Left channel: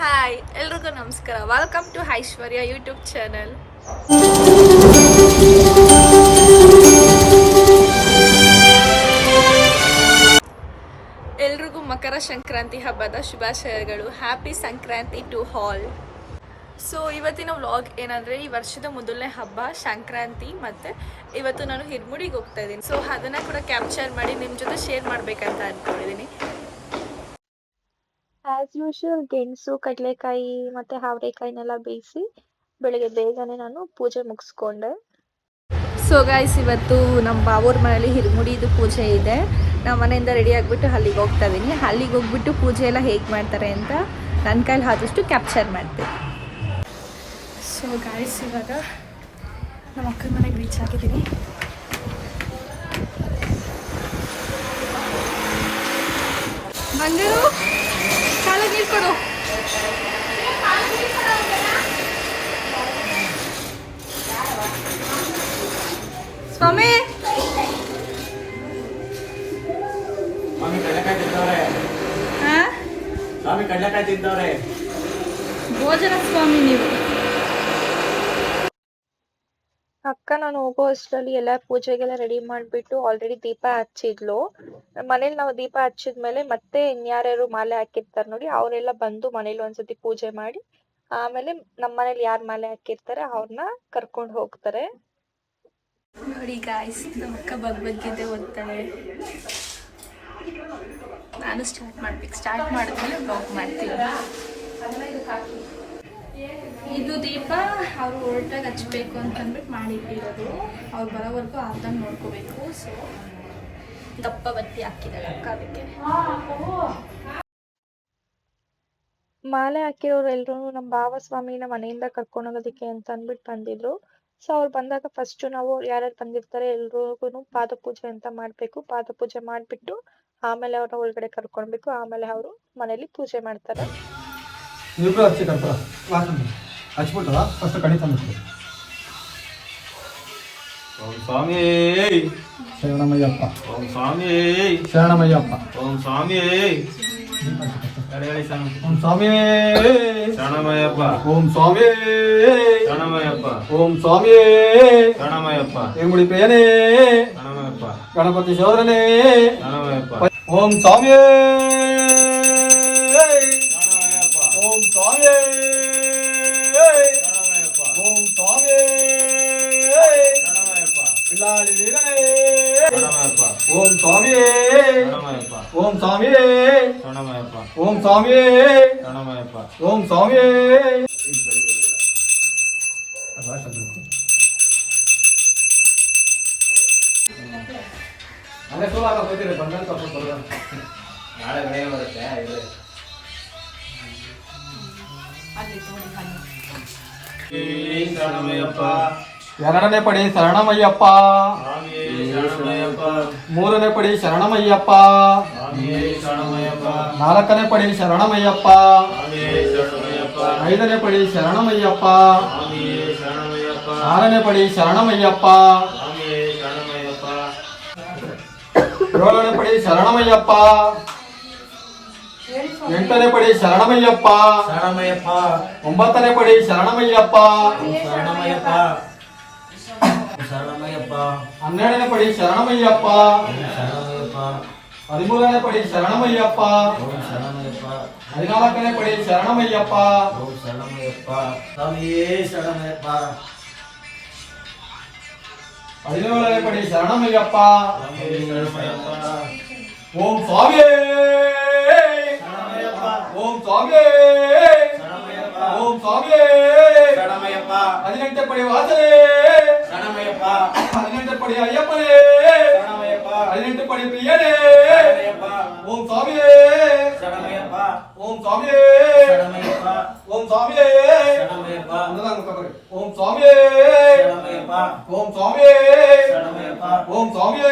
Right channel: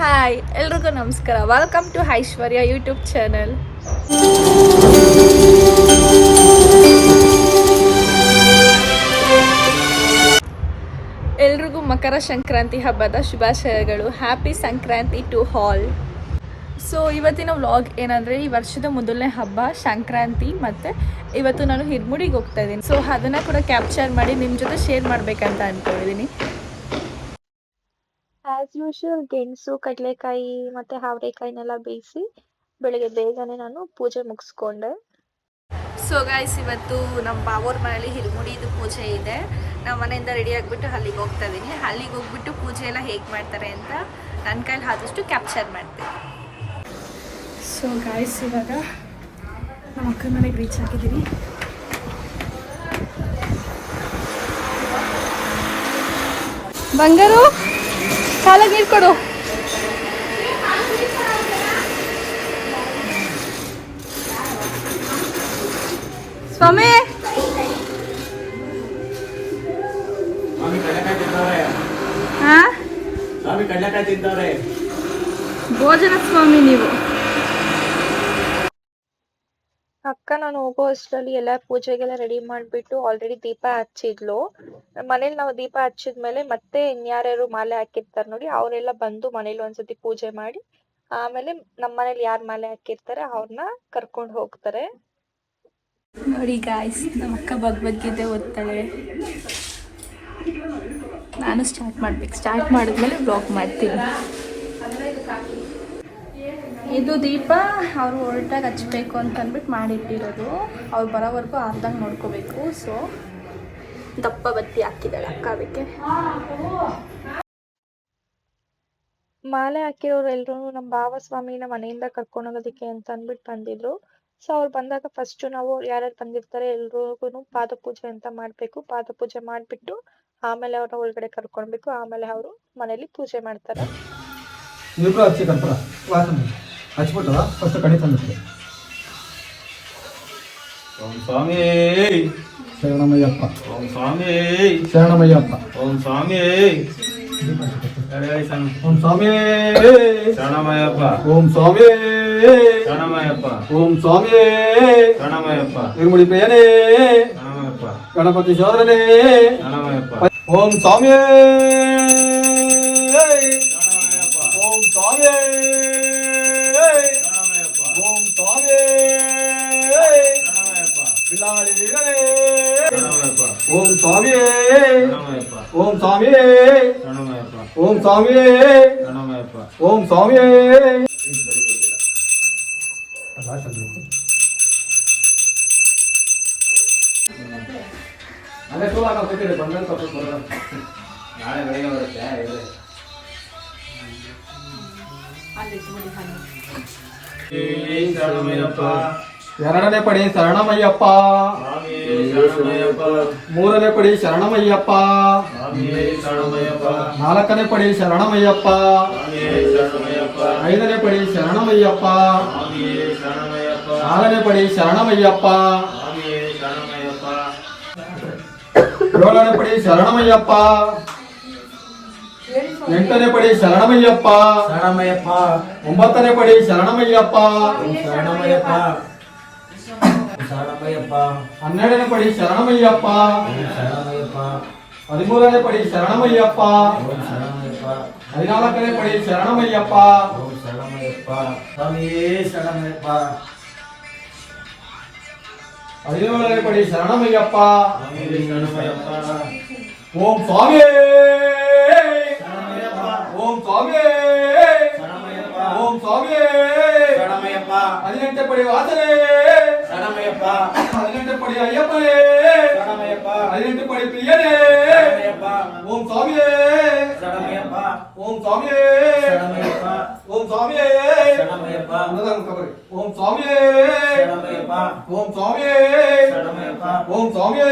Hi ಎಲ್ರಿಗೂ ನಮಸ್ಕಾರ. Welcome to Aishwarya YouTube channel. ಎಲ್ರಿಗೂ ಮಕರ ಸಂಕ್ರಾಂತಿ ಹಬ್ಬದ ಶುಭಾಶಯಗಳು. Happy Sankranti to all. So ಇವತ್ತಿನ ವ್ಲಾಗ್ ಏನಂದರೆ, ಈ ವರ್ಷದ ಮೊದಲನೇ ಹಬ್ಬ ಸಂಕ್ರಾಂತಿ, ಮತ್ತು ಇವತ್ತು ನಾನು ಹಿರ್ಮುಡಿಗೆ ಹೋಗ್ತಾ ಇದ್ದೀನಿ. ಸೊ ಅದನ್ನು ಕೂಡ ಕ್ಯಾಪ್ಚರ್ ಮಾಡಿ ನಿಮ್ಮ ಜೊತೆ ಶೇರ್ ಮಾಡಬೇಕಂತ ಅಂದ್ಕೊಂಡಿದ್ದೀನಿ. ಆ್ಯಸ್ ಯೂಶುವಲ್ ಗೆಣಸು, ಕಡಲೆಕಾಯಿ ಮತ್ತು ಹಾವರೆಕಾಯಿನೆಲ್ಲ ಬೇಯಿಸಿ ಬೆಳಗ್ಗೆ ಬೇಗನೆ ನಾನು ಪೂಜೆ ಮುಗಿಸ್ಕೊಂಡೆ. ಸೊ ಗಾಯ್ಸ್, ಇವತ್ತು ನಮ್ಮ ಬಾವೂರ ಮನೇಲಿ ಹಿರ್ಮುಡಿದು ಪೂಜೆ ಇದೆ. ನಾವು ಮನೆಯಿಂದ ರೆಡಿ ಆಗಿಬಿಟ್ಟು ಅಲ್ಲಿಗೆ ಹೋಗ್ತಾ ಇದ್ದೀನಿ. ಅಲ್ಲಿಗೆ ಹೋಗ್ಬಿಟ್ಟು ಪೂಜೆ ಎಲ್ಲ ಹೇಗೆ ಮಾಡ್ತಾರೆ ಅಂತ ನನ್ನ ಕೈಲಿ ಆದಷ್ಟು ಕ್ಯಾಪ್ಚರ್ ಮಾಡ್ತೀನಿ. ಸೊ ಗಾಯ್ಸ್, ಇವಾಗ ನಮ್ಮ ಅಕ್ಕನ ಮನೆಗೆ ರೀಚ್ ಆಗಿದ್ದೀನಿ. ಬಂಗಾರು ಕಾಲಾಗ ನೀರು ಕೊಡು. ಸ್ವಾಮಿ ಭೋಜನ ಸ್ವಾಮಿ ನೀವು. ಅಕ್ಕ ನಾನು ಹೋಗೋ ಅಷ್ಟರಲ್ಲಿ ಎಲ್ಲ ಪೂಜೆಗೆಲ್ಲ ರೆಡಿ ಮಾಡಿಬಿಟ್ಟು ಆಲ್ರೆಡಿ ದೀಪ ಹಚ್ಚಿದ್ಲು. ಮನೇಲಿ ನಾವು ದೀಪ ಹಚ್ಚಿದ್ಮೇಲೆ ಮತ್ತೆ ಇನ್ಯಾರ್ಯಾರು ಮಾಲೆ ಹಾಕಿರ್ತಾರೆ ನೋಡಿ, ಅವರೆಲ್ಲ ಬಂದು ಮನೇಲಿ ಒಂದ್ಸತಿ ಪೂಜೆ ಮಾಡಿ ಆಮೇಲೆ ನಮ್ಮ ಮನೇಲಿ ಯಾರು ಮಾಲೆ ಹಾಕಿರ್ತಾರೆ ಅವ್ರನ್ನ ಕರ್ಕೊಂಡು ಹೋಗ್ತಾರೆ. ನೋಡಿ ಗಾಯ್ಸ್, ನಮ್ಮ ಅಕ್ಕ ಭಗವದ್ಗೀತೆ ಓದ್ತಾಳೆ. ನಾನು ಸ್ಟಾರ್ಟ್ ಮಾಡಿದ್ಮೇಲೆ ಬ್ಲಾಗ್ ಮಾಡ್ತೀನಿ. ಇದು ದೀಪ ಅವ್ರು ಹೊರಟಾಗ ಹಚ್ಬೇಕು ಅಂತ ಅಂದ್ಬಿಟ್ಟು ಮಾಡಿಟ್ಟಿರೋದು. ಅವ್ರು ಬರೋವರೆಗೂ ಅರ್ಧಂಗೆ ನೋಡ್ಕೋಬೇಕು. ಸೊ ದಪ್ಪ ಬತ್ತಿ ಹಾಕಿದ್ದಾಳೆ ಅಕ್ಕ. ಅದಕ್ಕೆ ಮಾಲೆ ಹಾಕಿರೋರು ಎಲ್ಲರೂ ನಮ್ಮ ಭಾವ ಸ್ವಾಮಿನ ಮನೆಯಿಂದ ಕರ್ಕೊಂಡು ಹೋಗೋದಕ್ಕೆ ಅಂತ ಅಂದ್ಬಿಟ್ಟು ಬಂದಿದ್ರು. ಸೊ ಅವ್ರು ಬಂದಾಗ ಫಸ್ಟು ನಾವು ಯಾರ್ಯಾರು ಬಂದಿರ್ತಾರೆ ಎಲ್ರಿಗೂ ಪಾದ ಪೂಜೆ ಅಂತ ಮಾಡಬೇಕು. ಪಾದ ಪೂಜೆ ಮಾಡಿಬಿಟ್ಟು ಆಮೇಲೆ ಅವ್ರನ್ನ ಒಳಗಡೆ ಕರ್ಕೊಳ್ಬೇಕು. ಆಮೇಲೆ ಅವರು ಮನೇಲಿ ಪೂಜೆ ಮಾಡ್ತಾರೆ. ಹಚ್ಬಿಟ್ಟು ಫಸ್ಟ್ ಕಣಿ ತಂದಿಟ್ಟು ಓಂ ಸ್ವಾಮಿ ಶರಣಮಯ್ಯಪ್ಪ, ಓಂ ಸ್ವಾಮಿ ಶರಣಮಯ್ಯಪ್ಪ, ಓಂ ಸ್ವಾಮಿ ಓಂ ಸ್ವಾಮಿ ಶರಣಮಯ್ಯಪ್ಪ, ಓಂ ಸ್ವಾಮಿ ಶರಣಮಯ್ಯಪ್ಪ, ಓಂ ಸ್ವಾಮಿ ಶರಣಮಯ್ಯಪ್ಪ, ಹಿರ್ಮುಡಿ ಪ್ರಿಯನೇ ಶರಣಮಯ್ಯಪ್ಪ, ಗಣಪತಿ ಸೋದರನೇ ಶರಣಮಯ್ಯಪ್ಪ, ಓಂ ಸ್ವಾಮಿ ಓಂ ಸ್ವಾಮಿ ಓಂ ಸ್ವಾಮಿ ಬಿಲಾಲಿ ವೀರನೇ ಓಂ ಸ್ವಾಮಿ ಓಂ ಸ್ವಾಮಿ ಓಂ ಸ್ವಾಮಿ ಓಂ ಸ್ವಾಮಿ. ಅಲ್ಲೇ ಶೋ ಹಾಕೋತಿರಿ ಬಂದ್ರೆ ಸ್ವಲ್ಪ ನಾಳೆ ಬೆಳಗ್ಗೆ ಬರುತ್ತೆ. ಎರಡನೇ ಪಡಿ ಶರಣಮಯ್ಯಪ್ಪ, ಮೂರನೇ ಪಡಿ ಶರಣಮಯ್ಯಪ್ಪ, ನಾಲ್ಕನೇ ಪಡಿ ಶರಣಮಯ್ಯಪ್ಪ, ಐದನೇ ಪಡಿ ಶರಣಮಯ್ಯಪ್ಪ, ಆರನೇ ಪಡಿ ಶರಣಮಯ್ಯಪ್ಪ, ಏಳನೇ ಪಡಿ ಶರಣಮಯ್ಯಪ್ಪ, ಎಂಟನೇ ಪಡಿ ಶರಣಮಯ್ಯಪ್ಪ, ಒಂಬತ್ತನೇ ಪಡಿ ಶರಣಮಯ್ಯಪ್ಪ, ಹನ್ನೆರಡನೇ ಪಡಿ ಶರಣಮಯ್ಯಪ್ಪ, 13ನೇ ಪಡಿ ಶರಣಮಯ್ಯಪ್ಪ, 14ನೇ ಪಡಿ ಶರಣಮಯ್ಯಪ್ಪ, 17ನೇ ಪಡಿ ಶರಣಮಯ್ಯಪ್ಪ. ಓಂ ಸ್ವಾಮಿ ಓಂ ಸ್ವಾಮಿ ಓಂ ಸ್ವಾಮಿ. 18ನೇ ಪಡಿ ವಾಸನೆ, 18ನೇ ಪಡಿ ಅಯ್ಯಪ್ಪನೇ, 18ನೇ ಪಡಿ ಪ್ರಿಯನೇ. ಓಂ ಸ್ವಾಮಿ ಓಂ ಸ್ವಾಮಿ ಓಂ ಸ್ವಾಮಿ ಓಂ ಸ್ವಾಮಿ ಓಂ ಸ್ವಾಮಿ ಓಂ ಸ್ವಾಮಿ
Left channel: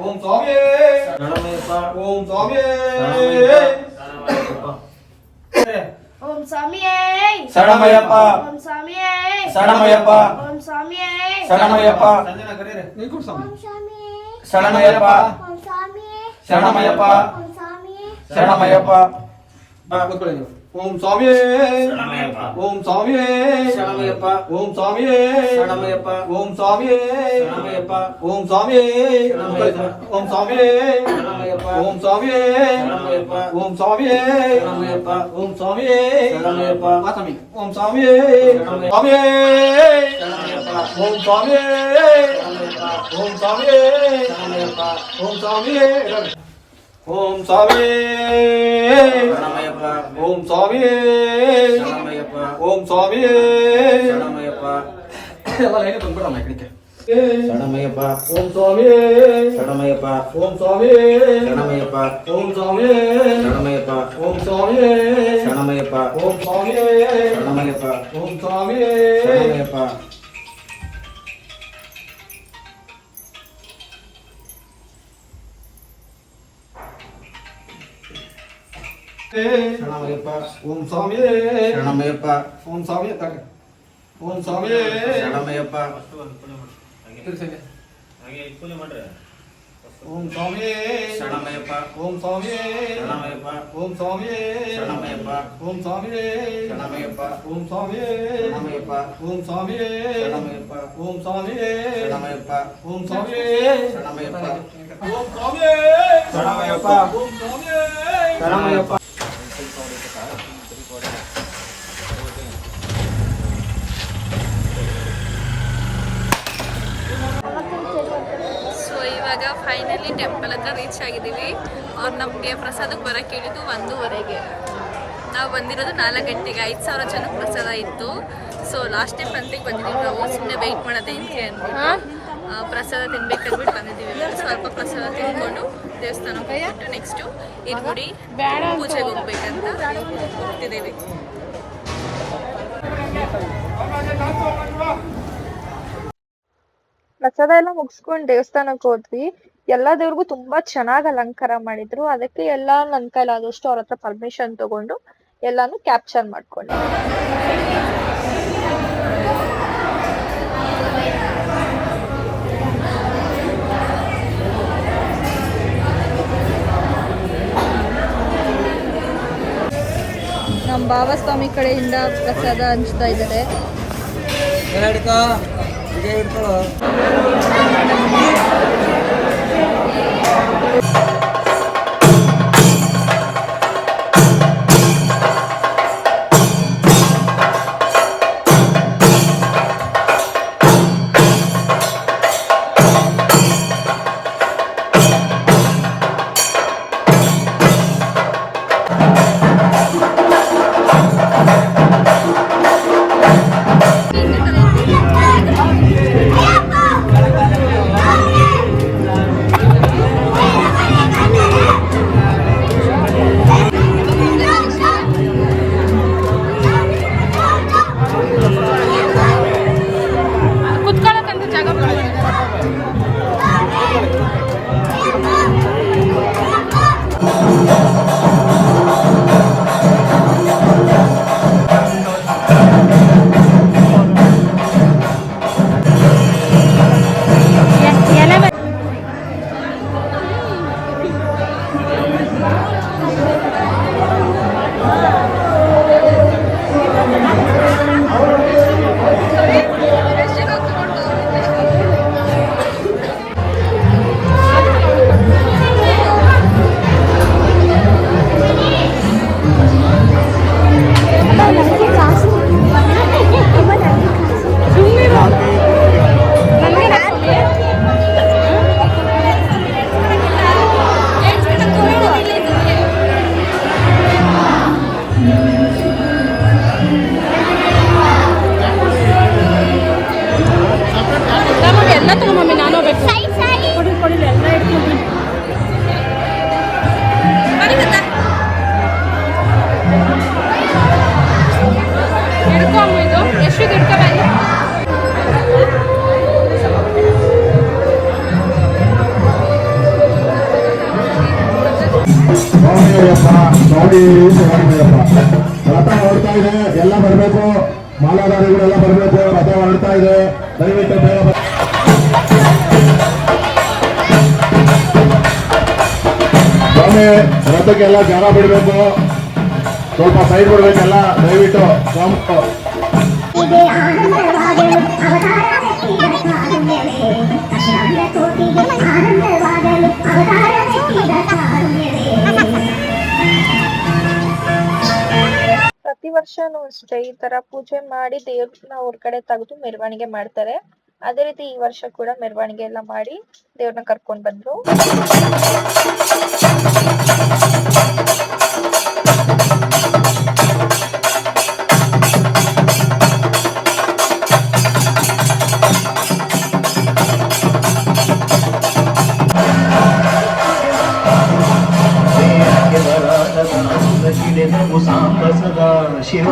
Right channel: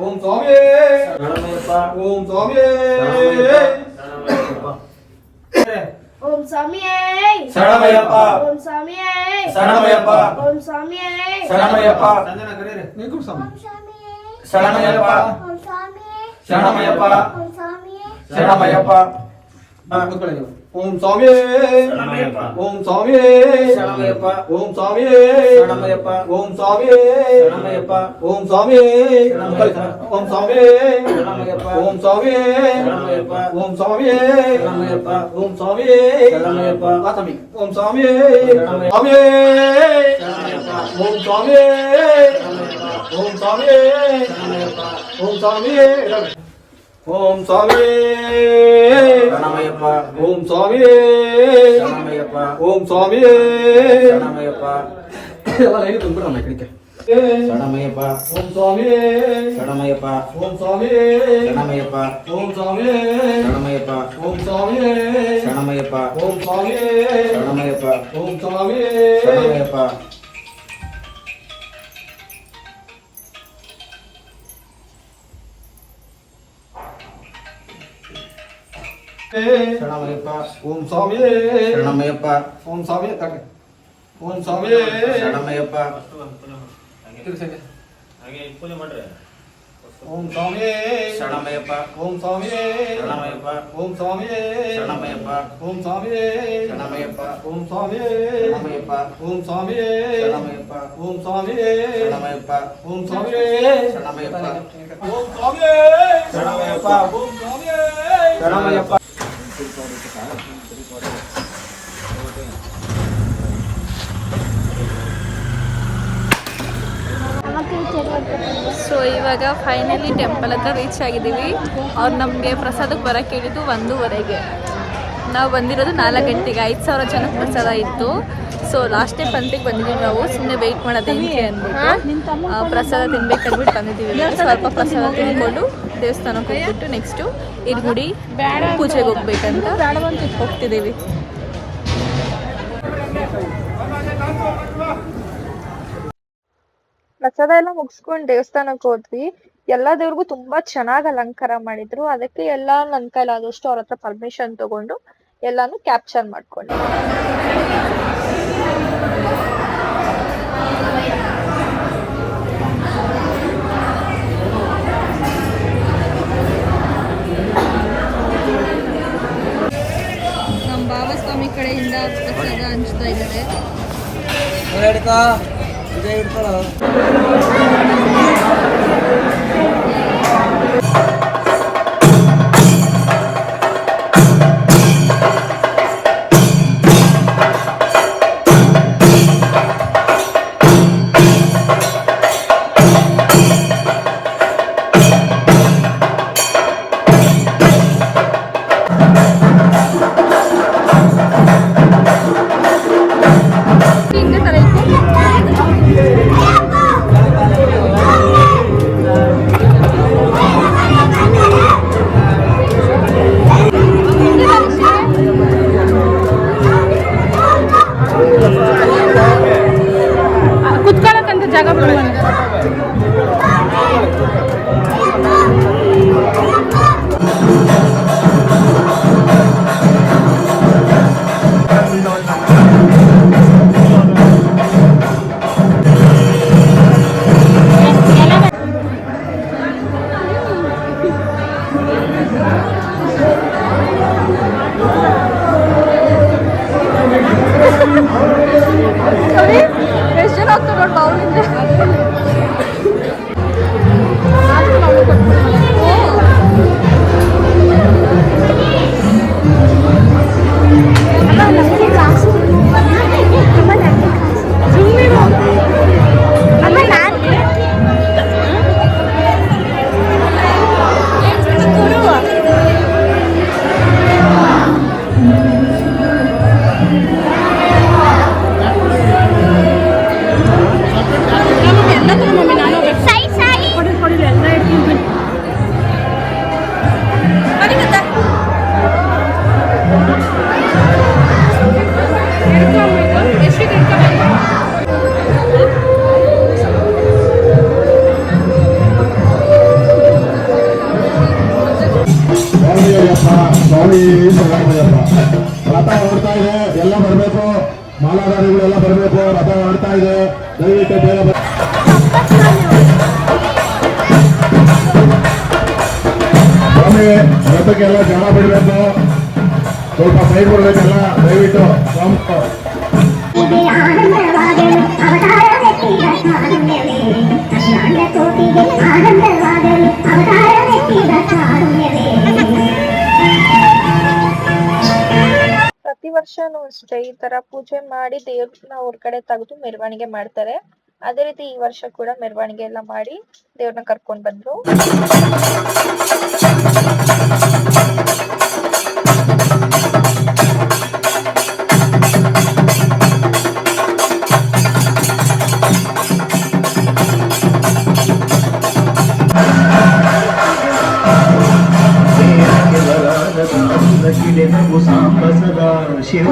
ಓಂ ಸ್ವಾಮಿ ಓಂ ಸ್ವಾಮಿ. ಓಂ ಸ್ವಾಮಿಯೇ ಶರಣಮಯ್ಯಪ್ಪ, ಓಂ ಸ್ವಾಮಿಯೇ ಶರಣಮಯ್ಯಪ್ಪ, ಓಂ ಸ್ವಾಮಿಯೇ ಶರಣಮಯ್ಯಪ್ಪ, ಶರಣಮಯ್ಯಪ್ಪ, ಶರಣಮಯ್ಯಪ್ಪ, ಶರಣಮಯ್ಯಪ್ಪ. ಓಂ ಸ್ವಾಮಿಯೇ ಓಂ ಸ್ವಾಮಿಯೇ ಓಂ ಸ್ವಾಮಿಯೇ ಓಂ ಸ್ವಾಮಿಯೇ ಓಂ ಸ್ವಾಮಿಯೇ ಓಂ ಸ್ವಾಮಿಯೇ ಓಂ ಸ್ವಾಮಿಯೇ ಓಂ ಸ್ವಾಮಿಯೇ ಓಂ ಸ್ವಾಮಿಯೇ ಆತಮಿ ಓಂ ಸ್ವಾಮಿಯೇ ಸ್ವಾಮಿಯೇ ಓಂ ಸ್ವಾಮಿಯೇ ಓಂ ಸ್ವಾಮಿಯೇ ಓಂ ಸ್ವಾಮಿಯೇ ಓಂ ಸ್ವಾಮಿಯೇ ಓಂ ಸ್ವಾಮಿಯೇ ಓಂ ಸ್ವಾಮಿಯೇ ಎಲ್ಲ ಲೈನ್ ತುಂಬಿಡಮ್ಮ ಕಡಿಕೆ ಶರಣಮಯ್ಯಪ್ಪ ಓಂ ಸ್ವಾಮಿಯೇ ಶರಣಮಯ್ಯಪ್ಪ ಓಂ ಸ್ವಾಮಿಯೇ ಶರಣಮಯ್ಯಪ್ಪ ಓಂ ಸ್ವಾಮಿಯೇ ಶರಣಮಯ್ಯಪ್ಪ ಓಂ ಸ್ವಾಮಿಯೇ ಶರಣಮಯ್ಯಪ್ಪ ಓಂ ಸ್ವಾಮಿಯೇ ಶರಣಮಯ್ಯಪ್ಪ ಓಂ ಸ್ವಾಮಿಯೇ ಶರಣಮಯ್ಯಪ್ಪ ಶರಣಮಯ್ಯಪ್ಪ ಓಂ ಸ್ವಾಮಿಯೇ ಶರಣಮಯ್ಯಪ್ಪ ಓಂ ಸ್ವಾಮಿಯೇ ತಗೆ ಓಂ ಸ್ವಾಮಿಯೇ ಶರಣಮಯ್ಯಪ್ಪ ಓಂ ಸ್ವಾಮಿಯೇ ಶರಣಮಯ್ಯಪ್ಪ ಓಂ ಸ್ವಾಮಿಯೇ ಶರಣಮಯ್ಯಪ್ಪ ಓಂ ಸ್ವಾಮಿಯೇ ಶರಣಮಯ್ಯಪ್ಪ ಓಂ ಸ್ವಾಮಿಯೇ ಶರಣಮಯ್ಯಪ್ಪ ಓಂ ಸ್ವಾಮಿಯೇ ಶರಣಮಯ್ಯಪ್ಪ ಓಂ ಸ್ವಾಮಿಯೇ ಶರಣಮಯ್ಯಪ್ಪ ಓಂ ಸ್ವಾಮಿಯೇ ಶರಣಮಯ್ಯಪ್ಪ ಓಂ ಸ್ವಾಮಿಯೇ ಶರಣಮಯ್ಯಪ್ಪ ಓಂ ಸ್ವಾಮಿಯೇ ಶರಣಮಯ್ಯಪ್ಪ ಓಂ ಸ್ವಾಮಿಯೇ ಶರಣಮಯ್ಯಪ್ಪ ಸೊ ಇವಾಗ ಫೈನಲಿ ಟೆಂಪಲ್ ಹತ್ರ ರೀಚ್ ಆಗಿದ್ದೀವಿ. ಅವ್ರು ನಮಗೆ ಪ್ರಸಾದಕ್ಕೆ ಬರೋಕ್ಕೆ ಹೇಳಿದ್ದು 1:30ಗೆ. ನಾವು ಬಂದಿರೋದು 4 ಗಂಟೆಗೆ. 5,000 ಜನಕ್ಕೆ ಪ್ರಸಾದ ಇತ್ತು. ಸೊ ಲಾಸ್ಟ್ ಟೈಮ್ ಪಂತಿಗೆ ಬಂದಿದ್ದೀವಿ ನಾವು, ಸುಮ್ಮನೆ ವೆಯ್ಟ್ ಮಾಡೋದೇನಕ್ಕೆ ಅಂದ್ಬಿಟ್ಟು ಪ್ರಸಾದ ತಿನ್ಬೇಕಂದ್ಬಿಟ್ಟು ಬಂದಿದ್ದೀವಿ. ಸ್ವಲ್ಪ ಪ್ರಸಾದ ತಿನ್ಕೊಂಡು ದೇವಸ್ಥಾನಕ್ಕೆ ಹೋಗ್ಬಿಟ್ಟು ನೆಕ್ಸ್ಟು ಇರ್ಗುಡಿ ಪೂಜೆಗೆ ಹೋಗ್ಬೇಕಂತ ಹೋಗ್ತಿದ್ದೀವಿ. ಪ್ರಸಾದ ಎಲ್ಲ ಮುಗಿಸ್ಕೊಂಡು ದೇವಸ್ಥಾನಕ್ಕೆ ಹೋದ್ವಿ. ಎಲ್ಲಾ ದೇವ್ರಿಗೂ ತುಂಬಾ ಚೆನ್ನಾಗಿ ಅಲಂಕಾರ ಮಾಡಿದ್ರು. ಅದಕ್ಕೆ ಎಲ್ಲ ನನ್ನ ಕೈಲಾದಷ್ಟು ಅವ್ರ ಹತ್ರ ಪರ್ಮಿಷನ್ ತಗೊಂಡು ಎಲ್ಲಾನು ಕ್ಯಾಪ್ಚರ್ ಮಾಡ್ಕೊಂಡೆ. ನಮ್ಮ ಬಾಬಾಸ್ವಾಮಿ ಕಡೆಯಿಂದ ಪ್ರಸಾದ ಹಂಚ್ತಾ ಇದ್ದಾರೆ. ರಥ ಹೊರಡ್ತಾ ಇದೆ, ಎಲ್ಲ ಬರಬೇಕು, ಮಾಲಾಧಾರಿಗಳೆಲ್ಲ ಬರಬೇಕು. ರಥ ಹೊರಡ್ತಾ ಇದೆ, ದಯವಿಟ್ಟು ಬೇಗ ಸ್ವಾಮಿ ರಥಕ್ಕೆಲ್ಲ ಜನ ಬಿಡಬೇಕು. ಸ್ವಲ್ಪ ಸೈಡ್ ಬರಬೇಕೆಲ್ಲ ದಯವಿಟ್ಟು ಸ್ವಾಮಿ. ಪ್ರತಿ ವರ್ಷನೂ ಅಷ್ಟೇ ಈ ತರ ಪೂಜೆ ಮಾಡಿ ದೇವ್ರನ್ನ ಹೊರಗಡೆ ತೆಗೆದು ಮೆರವಣಿಗೆ ಮಾಡ್ತಾರೆ. ಅದೇ ರೀತಿ ಈ ವರ್ಷ ಕೂಡ ಮೆರವಣಿಗೆ ಎಲ್ಲ ಮಾಡಿ ದೇವ್ರನ್ನ ಕರ್ಕೊಂಡ್ ಬಂದ್ರು. ಸದಾ ಶಿವ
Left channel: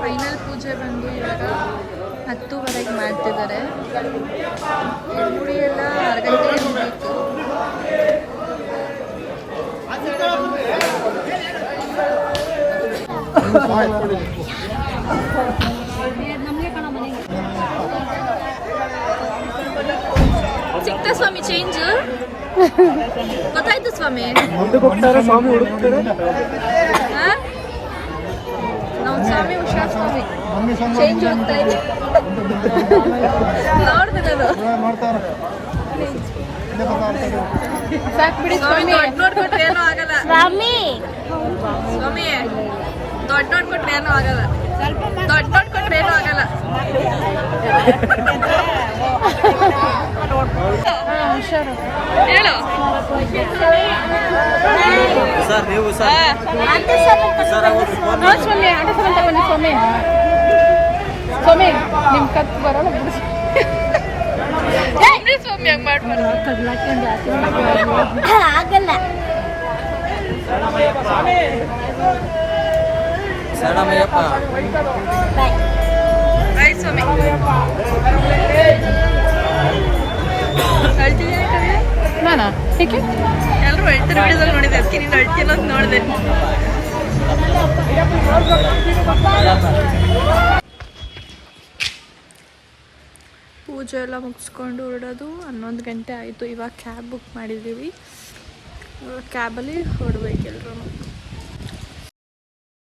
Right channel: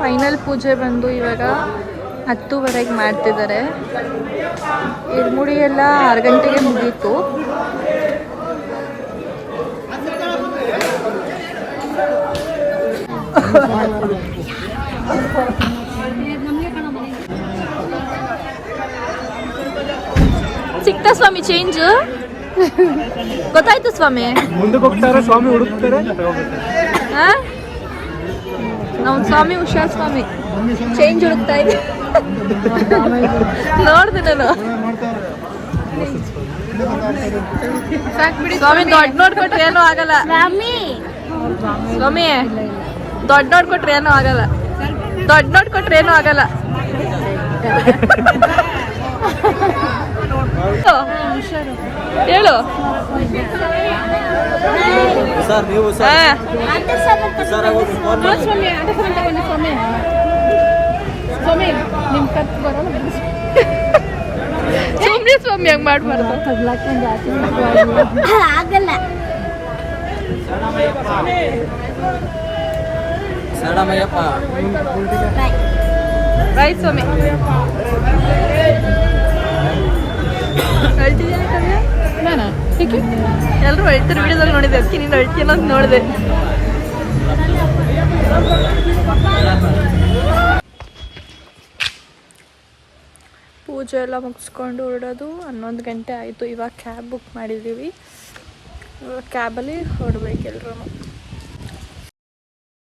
ಫೈನಲ್ ಪೂಜೆ ಬಂದು ಇವಾಗ 10:30ಗೆ ಮಾಡ್ತಿದ್ದಾರೆ. ಇಳ್ಮುಡಿ ಎಲ್ಲ 6 ಗಂಟೆಗೆ ಮುಗೀತು. ಸಿಕ್ತಾ ಸ್ವಾಮಿ ಚೇಂಜ್? ಗೊತ್ತಾಯ್ತು ಸ್ವಾಮಿ. ನಮ್ಮ ಸ್ವಾಮಿ ಹುಷಾರ್ ಸ್ವಾಮಿ, ಚೇಂಜ್ ಹುಡುಕ್ತಾ ಇದ್ದೆ. ನೋಡ್ತಿದ್ದಲ್ಲ ಸ್ವಾಮಿ, ದೊಡ್ಡ ನೋಡ್ಕೊಟ್ರೆ ಏನೂ ಆಗಲ್ಲ ಸ್ವಾಮಿ. ಸ್ವಾಮಿ ದೊಡ್ಡ ನೋಡ್ಕೊಟ್ರೆ ಏನೂ ಆಗಲ್ಲ, ದೊಡ್ಡ ನೋಡ್ಕೊಟ್ರೆ ಏನೂ ಆಗಲ್ಲ. ಹೇಳು ಸರ್, ನೀವು ಸರ್ ಸ್ವಾಮಿ ನಿಮ್ ಕತ್ ಬರಲ್ಲ ಸ್ವಾಮಿ ಹಂಗ್ ಮಾಡ್ಬಾರ್ದು. ಆಗಲ್ಲ ಶರಣಮಯ್ಯಪ್ಪ. ಬಾಯ್ ಸ್ವಾಮಿ. ಅಳ್ತಿದ್ಯಾ ಕವ್ಯ? ನಾನಾ ಎಲ್ಲರೂ ಅಳ್ತಾರೆ ವಿಡಿಯೋದಲ್ಲಿ ನೋಡಿದೆ, ಅದಕ್ಕೆ ನೀನು ಅಳ್ತೀಯ ಅನ್ನೋದು ನೋಡಿದೆ. ಪೂಜೆ ಎಲ್ಲ ಮುಗಿಸ್ಕೊಂಡು ಹೊರಡೋದು 11 ಗಂಟೆ ಆಯಿತು. ಇವಾಗ ಕ್ಯಾಬ್ ಬುಕ್ ಮಾಡಿದ್ದೀವಿ. ಇವಾಗ ಕ್ಯಾಬಲ್ಲಿ ಹೊರಡ್ಬೇಕು ಎಲ್ರೂ.